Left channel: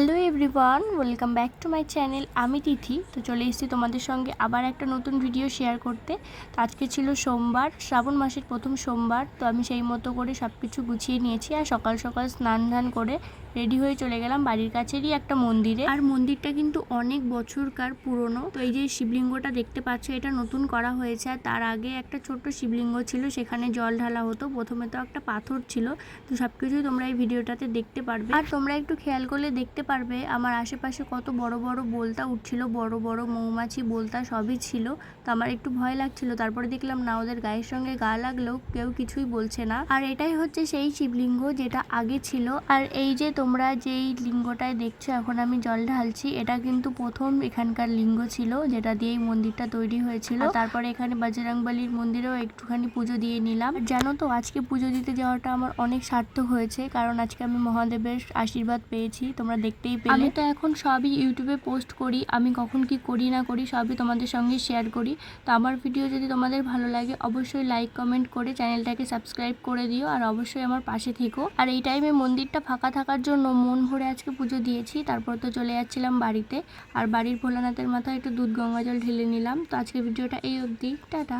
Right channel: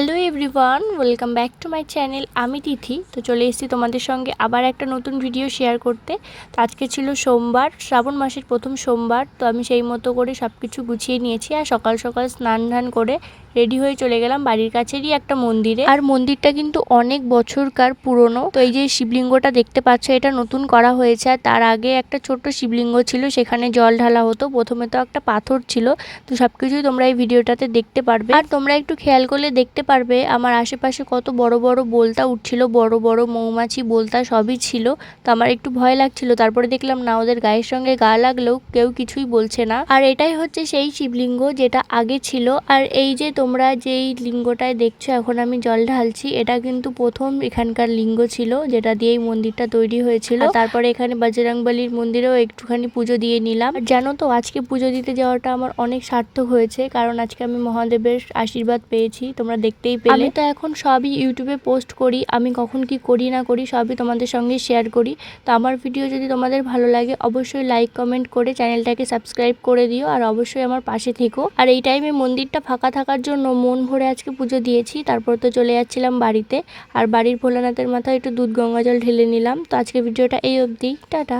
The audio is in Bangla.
Hello everyone, welcome back to my channel. আমি তিথি। তো চলে এসেছি তোমাদের সঙ্গে আবার একটা নতুন ভিডিও শেয়ার করতে। তো আজকে ছিল সোমবার, শ্রাবণ মাসের প্রথম সোমবার। তো আমি সেই মতো করে সব কিছু গুছিয়ে নিয়েছি আর সকাল সকাল স্নান ধান করে রেডি হয়ে চলে গেলাম বাড়ির কাছেরই একটা মন্দিরে। আর মন্দিরটা কিন্তু অনেক বছরকার পুরনো। তো এই যে শিবলিঙ্গটা দেখতে পাচ্ছ, এটা নতুন করা হয়েছে। আর তার আগে একটা ছোট্ট শিবলিঙ্গ ছিল, সেখানে জল ঢালা হতো। প্রথমে তো একটা পাথর ছিল। তো সবকিছুই তোমরা এই ভিডিওটাতে দেখতে পারবে। আর তোমরা একটু খেয়াল করলে দেখতে পারবে আমার আশেপাশে কত বড় বড় বোলতা উঠছিল, বড় বড় মৌমাছি বোলতা সবই ছিল। তো আমার একটু ভয় লাগছিল, তারপরে দেখলাম না, ওদের গায়ের সঙ্গে গা লাগলেও কেউ কিছুই বলছে না। আর এটাই হচ্ছে সেই শিবলিঙ্গ যেটা আগে ছিল। আর এই যে তোমরা যেই লিঙ্গটায় দেখছো এখন আমি জল ঢালছি, এটা কিন্তু প্রথম এখানকার লিঙ্গ ছিল, যেটা দিয়েই মন্দিরটা তৈরি হয়েছিল। তারপরে এখানে বজরংবলীর মন্দিরেও একটুখানি পুজো দিয়ে নিলাম। জানো তো, আজকে পুজো দিতে যাওয়াটা আমার অনেক সার্থক হয়েছে, কারণ আজকে আমি মহাদেবের আশীর্বাদ পেয়েছি, তোমরা দেখতেই পেলে। আমি তো এখন সবই ইউটিউবে পোস্ট করি, আমি কখন কি করি না করি সবই তোমাদের সঙ্গে শেয়ার করি। তো আমার ভিডিও যদি তোমাদের ভালো লাগে অবশ্যই লাইক কমেন্ট করে চ্যানেলটাকে সাবস্ক্রাইব করে দিও, আর অবশ্যই আমার পাশে থেকো। আর এই টাইমে মন্দিরটা ফাঁকা থাকার জন্য মন ভরে আজকে পুজো দিয়েছি। তারপর তো চলে যাচ্ছিলাম বাড়িতে, আর বাড়ির ভোলানাথের মাথায় একটু দুধ গঙ্গা জল ঢেলে নিলাম। তো আজকে ভিডিওটা এই অবধি, টাটা।